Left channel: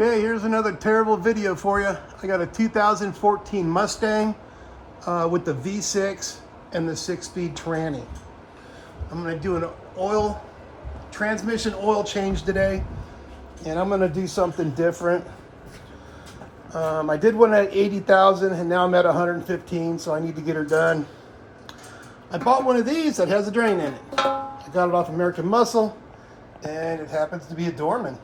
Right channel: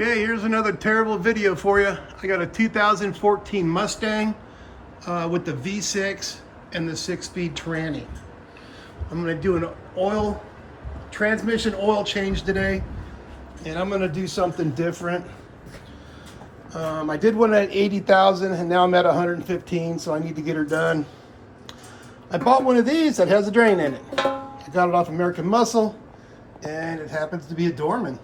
Okay, here's another terrible video for you. I got a 2014 Mustang with the V6 and the 6-speed tranny. I'm gonna do an transmission oil change today, and I'm gonna do something different. I did one at 80,000 and now I'm at 115, so I need to get her done. I bought one of these that has a drain in it. I got it off American Muscle, and it happens to be a Dorman.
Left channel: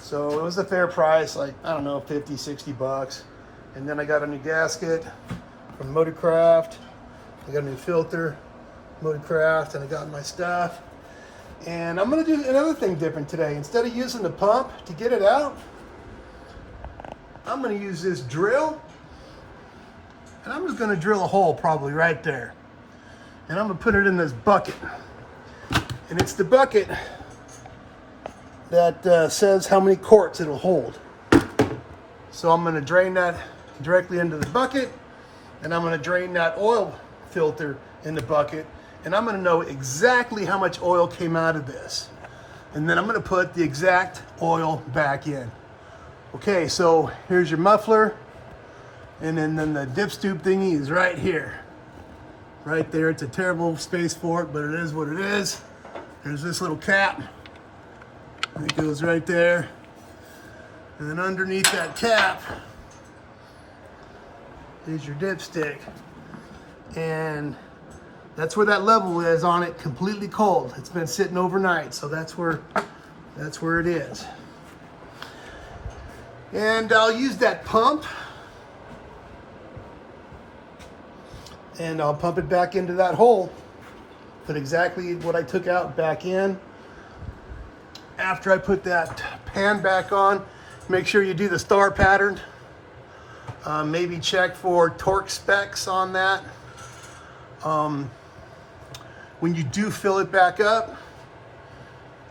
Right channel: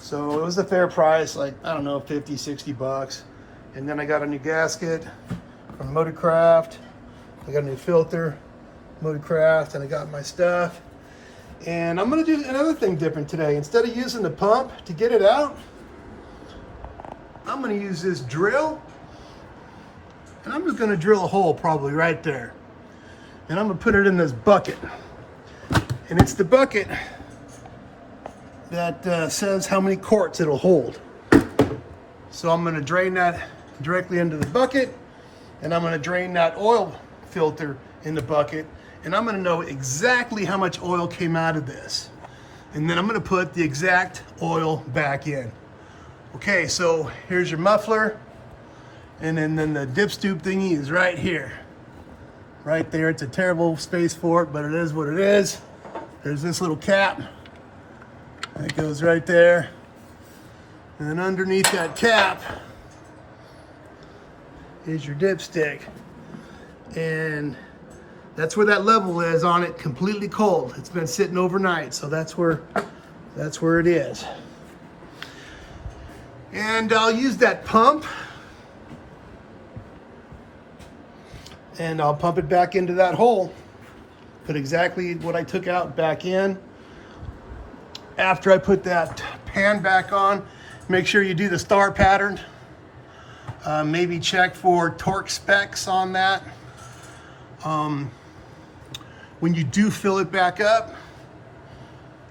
So it was a fair price, like, I don't know, 50, 60 bucks. And then I got a new gasket from Motorcraft. I got a new filter, Motorcraft, and I got my stuff. And I'm gonna do another thing different today. Instead of using the pump to get it out, I'm gonna use this drill. And I'm just gonna drill a hole probably right there. And I'm gonna put it in this bucket. And it's the bucket that says how many quarts it'll hold. So I'm gonna drain that directly into the bucket, and I'm gonna drain that oil filter in the bucket, and I'm gonna know exactly how much oil came out of this. And then I'm gonna put the exact oil back in. Okay, so here's your muffler, and then the dipstick thingy is right here. Right there, it's a terrible space for it, but it is what it is. There's this little cap. It goes right there. And then underneath that cap is your dipstick. And that's where that level is on it, completely cold. It's been sitting overnight, so that's where it is. And I'll use that pump. And I'll pump it back into that hole. Put exactly what I took out back in. After I put that pan back on, make sure you do the star pattern. Maybe check for torque specs on that. When you do fill it back up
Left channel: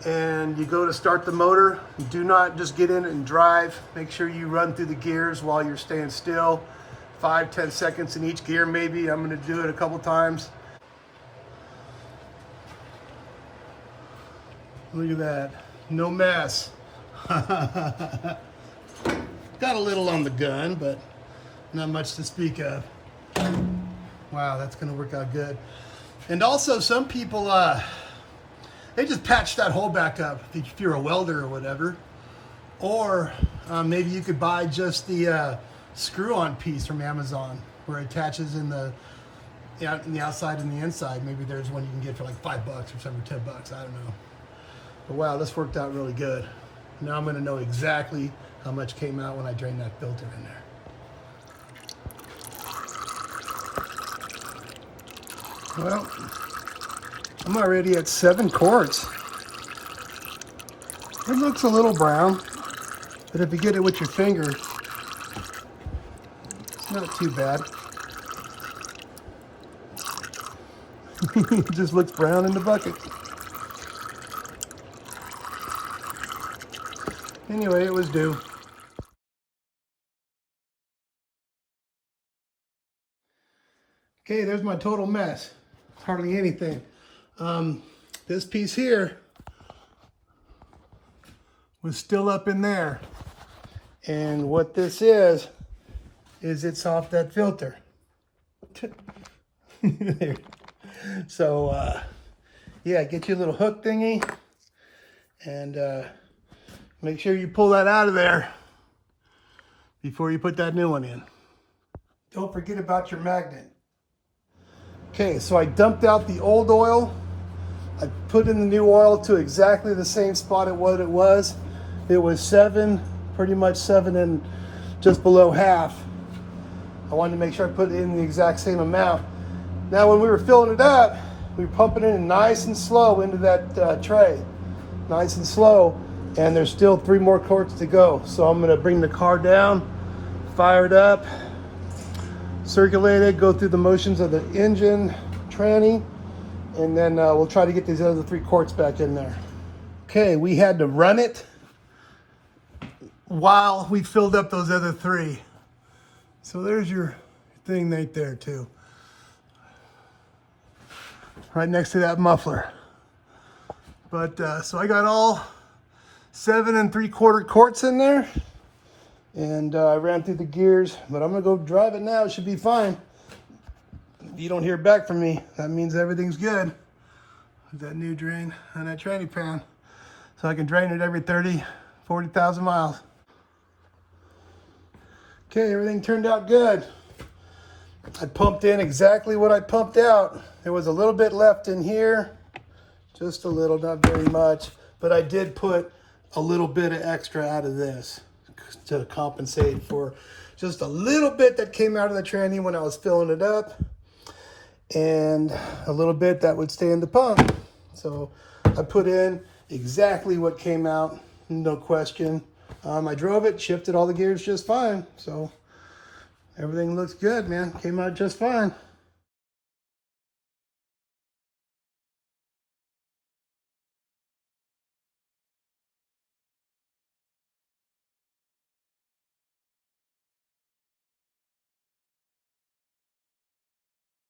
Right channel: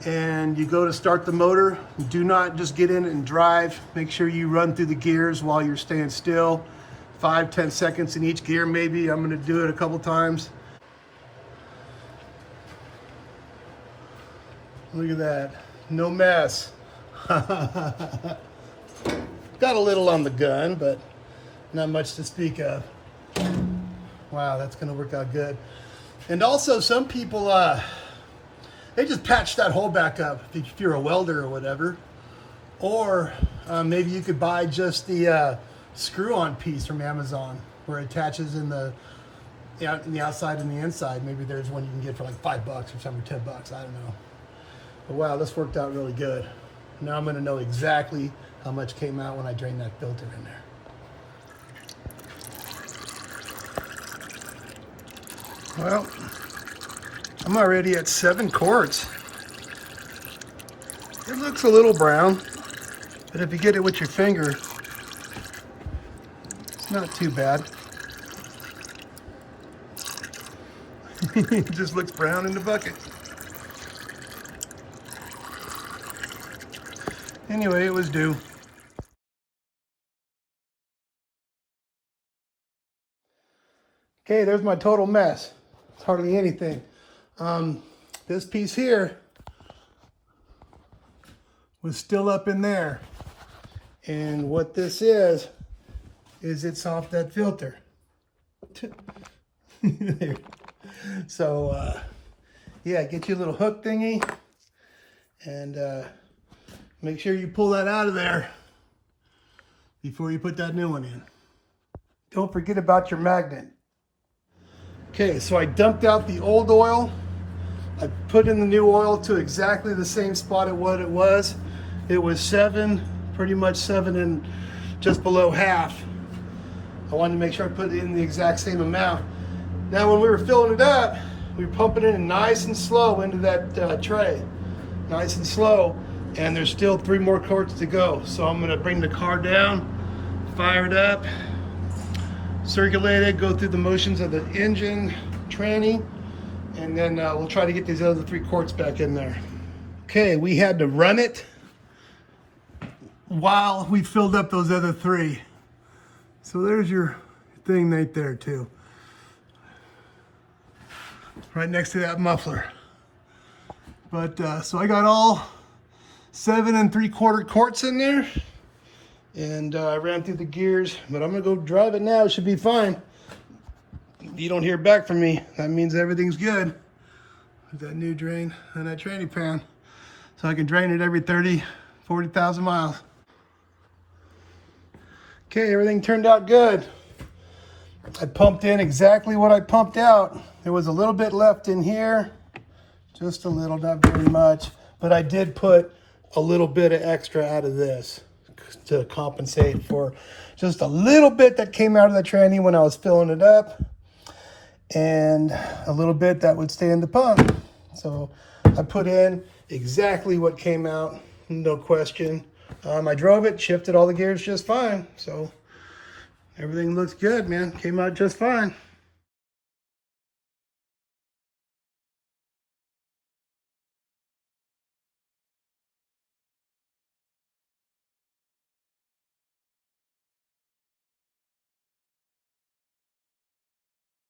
and you go to start the motor, do not just get in it and drive. Make sure you run through the gears while you're staying still. 5-10 seconds in each gear maybe. I'm gonna do it a couple times. Look at that. No mess. Got a little on the gun, but not much to speak of. Wow, that's gonna work out good. And also some people, they just patch that hole back up if you're a welder or whatever. Or maybe you could buy just the screw-on piece from Amazon where it attaches in the outside and the inside. Maybe there's one you can get for like $5 or something, 10 bucks, I don't know. But wow, this worked out really good. Now I'm gonna know exactly how much came out when I drained that filter in there. Well, I'm already at 7 quarts. It looks a little brown, but if you get it with your finger, it's not too bad. It just looks brown in the bucket. Anyway, it was due. Okay, there's my total mess. It's hardly anything. This piece here was still up in there. And what this is it's off that filter. So, yeah, get your little hook thingy and make sure you pull that out of there before you put that new one in. Don't forget about your magnet. Okay, so I dumped out the old oil. I put in the new oil to exactly the same spot at what it was. It was 7, pretty much 7 and just below half. I wanted to make sure I put in the exact same amount. Now when we were filling it up, we were pumping it in nice and slow into that tray. Nice and slow. And there's still 3 more quarts to go. So I'm gonna bring the car down, fire it up, circulate it, go through the motions of the engine, tranny, and then we'll try to get these other 3 quarts back in there. Okay, we had to run it while we filled up those other 3. So there's your thing right there too. Right next to that muffler. But so I got all 7 3/4 quarts in there. And I ran through the gears, but I'm gonna go drive it now. It should be fine. If you don't hear back from me, that means everything's good. With that new drain on that training pan. So I can drain it every 40,000 miles. Okay, everything turned out good. I pumped in exactly what I pumped out. There was a little bit left in here. Just a little, not very much. But I did put a little bit of extra out of this to compensate for just a little bit that came out of the tranny when I was filling it up, and a little bit that would stay in the pump. So I put in exactly what came out, no question. I drove it, shifted all the gears just fine. So everything looks good, man. Came out just fine.